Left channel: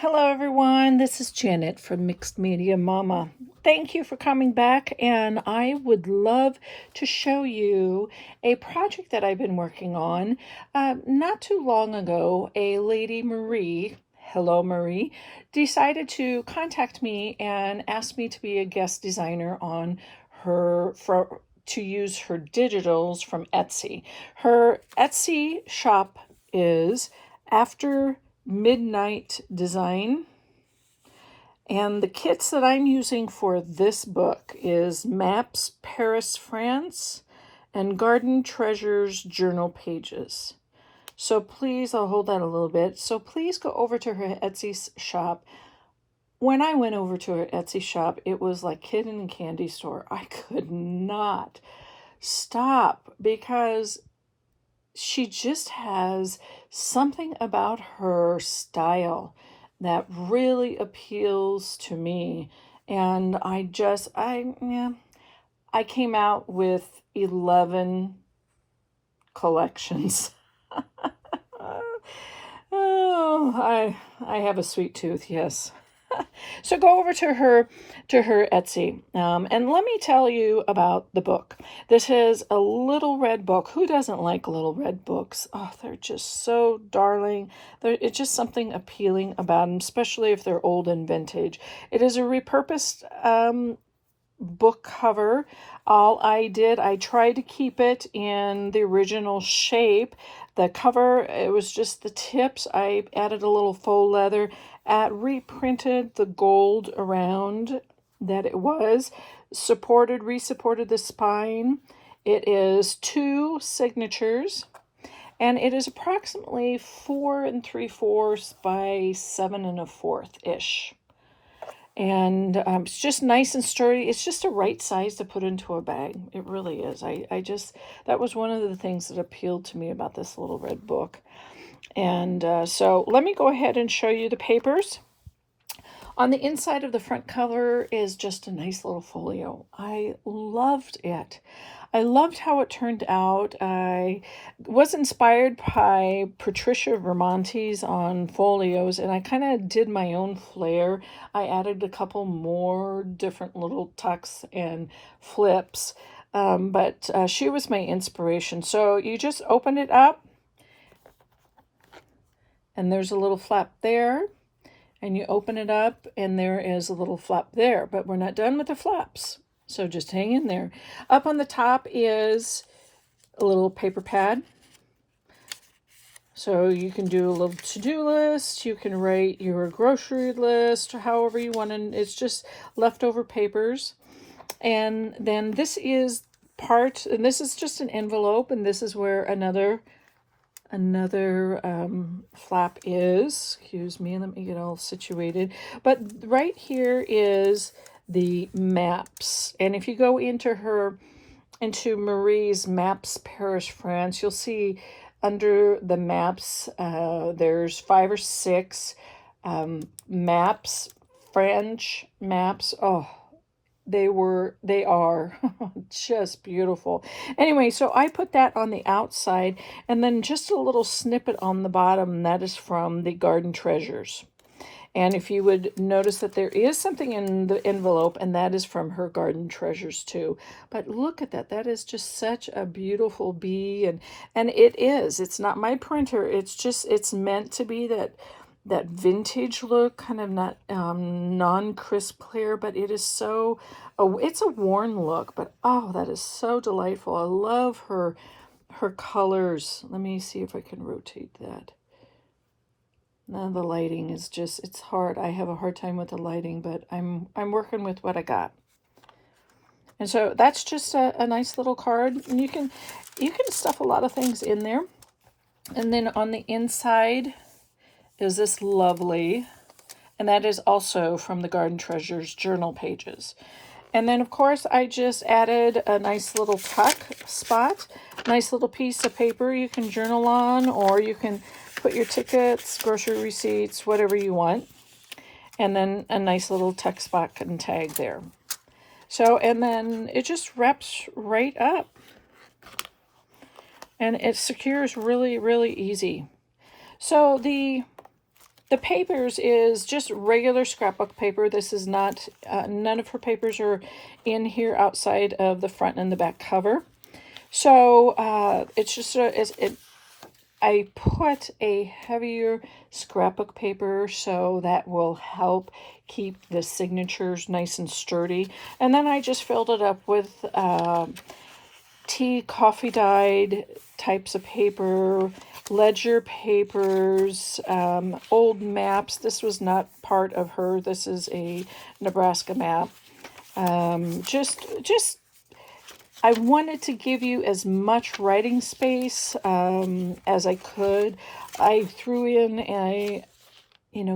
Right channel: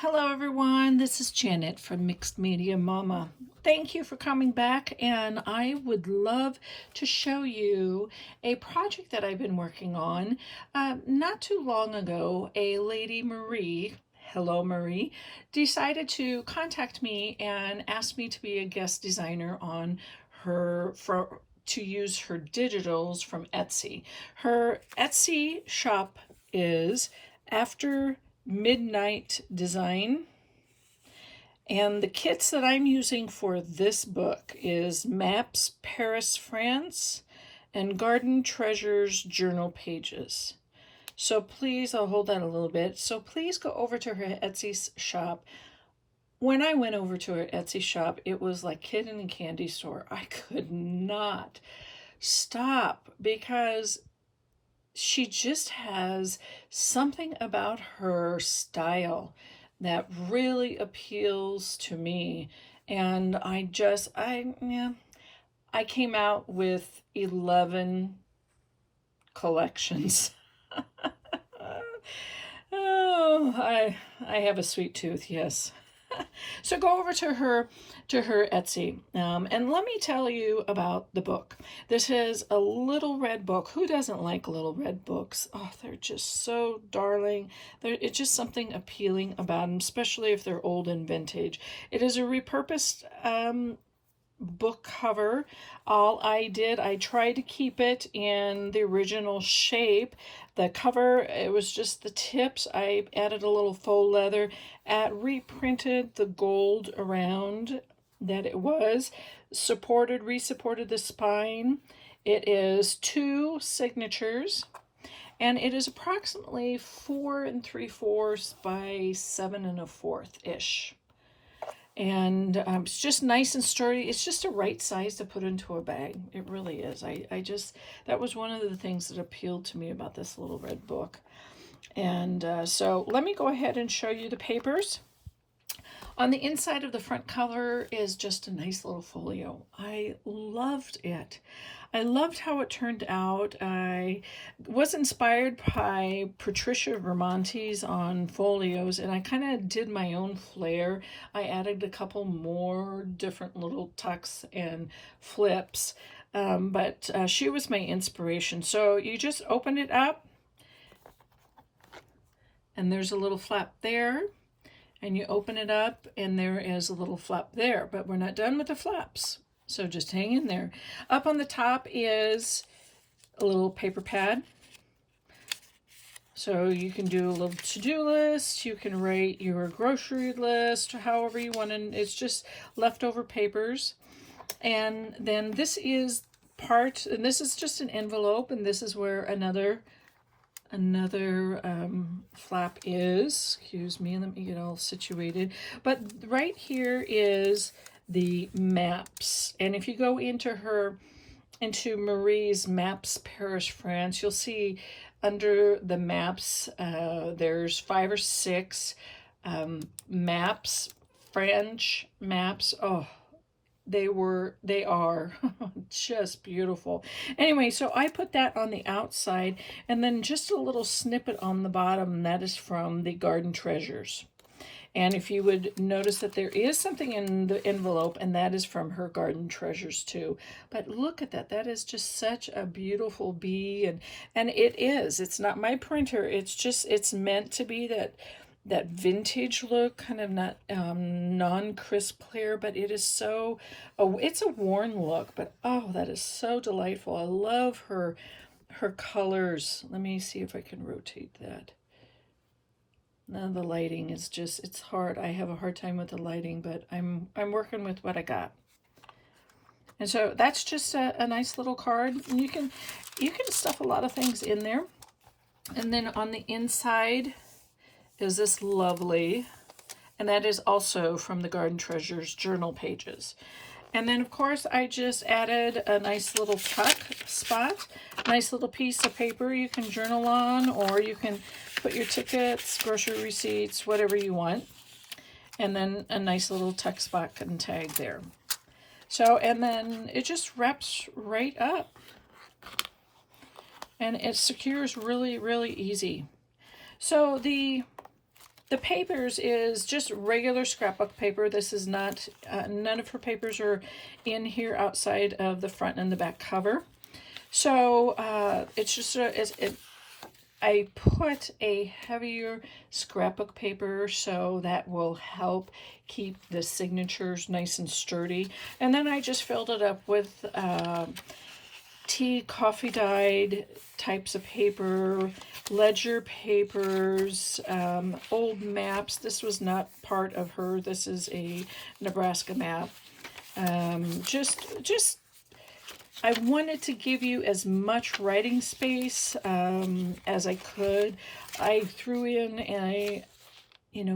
Hello everyone, this is Janet from Mixed Media Mama. Thank you for coming back, and I would love to show you a project that I've been working on. Not too long ago, a lady, Marie, hello Marie, decided to contact me and ask me to be a guest designer on to use her digitals from Etsy. Her Etsy shop is AfterMidnightDesign. And the kits that I'm using for this book is Maps Paris, France, and Garden Treasures Journal Pages. So please, I'll hold that a little bit. So please go over to her Etsy shop. When I went over to her Etsy shop, it was like kid in a candy store. I could not stop because she just has something about her style that really appeals to me. And I came out with 11 collections. Oh, I have a sweet tooth, yes. So go over to her Etsy, and let me tell you about the book. This is a little red book. Who doesn't like little red books? Oh, they're just so darling. It's just something appealing about them, especially if they're old and vintage. It is a repurposed book cover. I tried to keep it in the original shape. The cover, it was just the tips. I added a little faux leather, reprinted the gold around that it was, resupported the spine. It is 2 signatures, and it is approximately 4 3/4 by 7 1/4 ish. And it's just nice and sturdy. It's just the right size to put into a bag. It really is. That was one of the things that appealed to me about this little red book. And so let me go ahead and show you the papers. On the inside of the front cover is just a nice little folio. I loved it. I loved how it turned out. I was inspired by Patricia Vermonte's on folios, and I kind of did my own flair. I added a couple more different little tucks and flips, but she was my inspiration. So you just open it up, and there's a little flap there. And you open it up, and there is a little flap there. But we're not done with the flaps, so just hang in there. Up on the top is a little paper pad. So you can do a little to-do list. You can write your grocery list, however you want. And it's just leftover papers. And then this is and this is just an envelope. And this is where another flap is. Excuse me, let me get all situated. But right here is the maps. And if you go into Marie's Maps Paris, France, you'll see under the maps, there's 5 or 6 maps, French maps. Oh, they are just beautiful. Anyway, so I put that on the outside, and then just a little snippet on the bottom, and that is from the Garden Treasures. And if you would notice that there is something in the envelope, and that is from her Garden Treasures too. But look at that. That is just such a beautiful bee, and it is. It's not my printer. It's meant to be that vintage look, kind of not non-crisp clear, but it is so, it's a worn look, but oh, that is so delightful. I love her colors. Let me see if I can rotate that. Now the lighting is just, it's hard. I have a hard time with the lighting, but I'm working with what I got. And so that's just a nice little card, and you can stuff a lot of things in there. And then on the inside is this lovely, and that is also from the Garden Treasures Journal Pages. And then, of course, I just added a nice little tuck spot, nice little piece of paper you can journal on, or you can put your tickets, grocery receipts, whatever you want. And then a nice little tuck spot and tag there. So, and then it just wraps right up. And it secures really, really easy. So the the papers is just regular scrapbook paper. This is not, none of her papers are in here outside of the front and the back cover. So it's just, I put a heavier scrapbook paper so that will help keep the signatures nice and sturdy. And then I just filled it up with tea, coffee dyed types of paper, ledger papers, old maps. This was not part of her. This is a Nebraska map. Just I wanted to give you as much writing space as I could. I threw in a,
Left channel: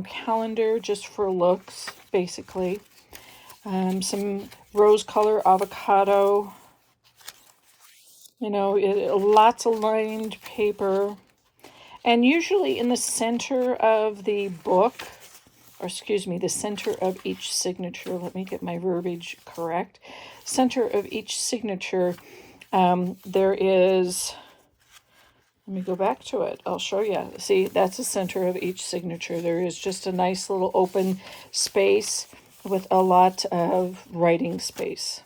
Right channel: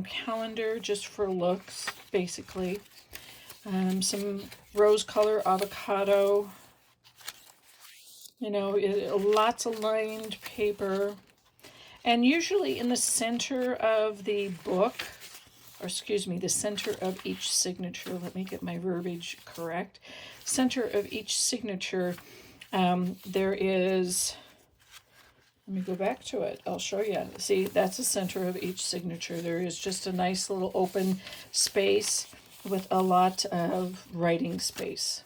calendar just for looks, basically. Some rose color avocado. Lots of lined paper. And usually in the center of the book, or excuse me, the center of each signature, let me get my verbiage correct. Center of each signature, there is, let me go back to it. I'll show you. See, that's the center of each signature. There is just a nice little open space with a lot of writing space.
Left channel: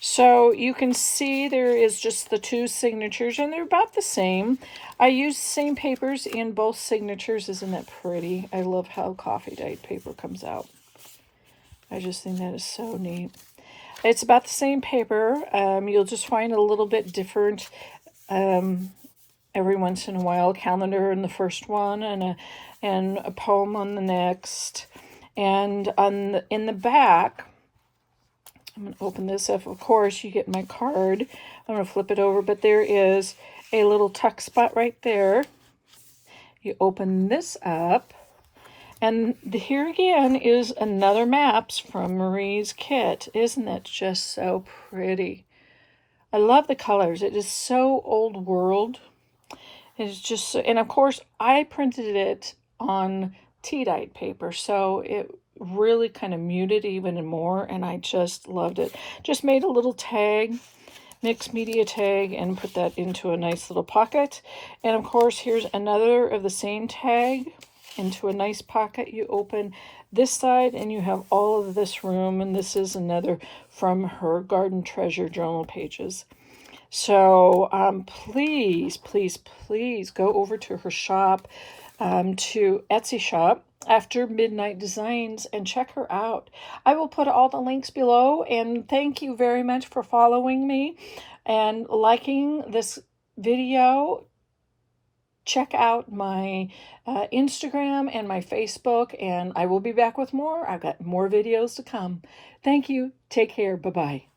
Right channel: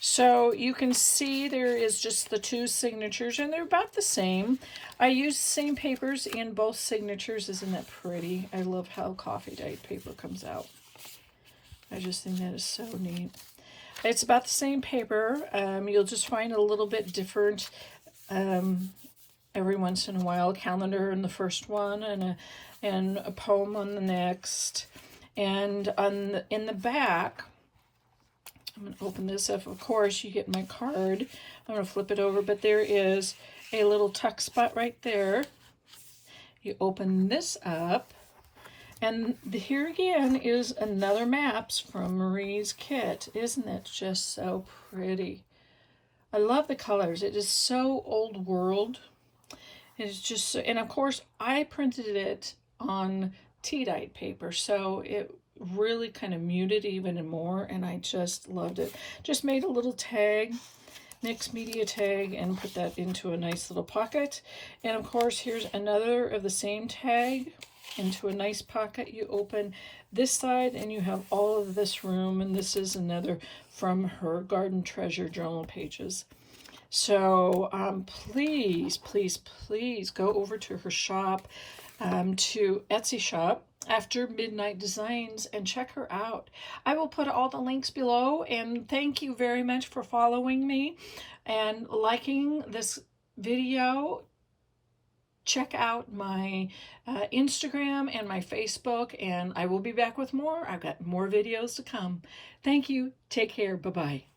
So you can see there is just the two signatures, and they're about the same. I use the same papers in both signatures. Isn't that pretty? I love how coffee dyed paper comes out. I just think that is so neat. It's about the same paper. You'll just find a little bit different every once in a while. A calendar in the first one, and a poem on the next. And in the back, I'm going to open this up. Of course, you get my card. I'm going to flip it over, but there is a little tuck spot right there. You open this up, and here again is another maps from Marie's kit. Isn't it just so pretty? I love the colors. It is so old world. It's just so, and of course, I printed it on tea-dyed paper, so it really kind of muted even more, and I just loved it. Just made a little tag, mixed media tag, and put that into a nice little pocket. And of course, here's another of the same tag into a nice pocket. You open this side and you have all of this room, and this is another from her Garden Treasure journal pages. So please, please, please go over to her shop, to Etsy shop, After Midnight Designs, and check her out. I will put all the links below, and thank you very much for following me and liking this video. Check out my Instagram and my Facebook, and I will be back with more. I've got more videos to come. Thank you. Take care. Bye-bye.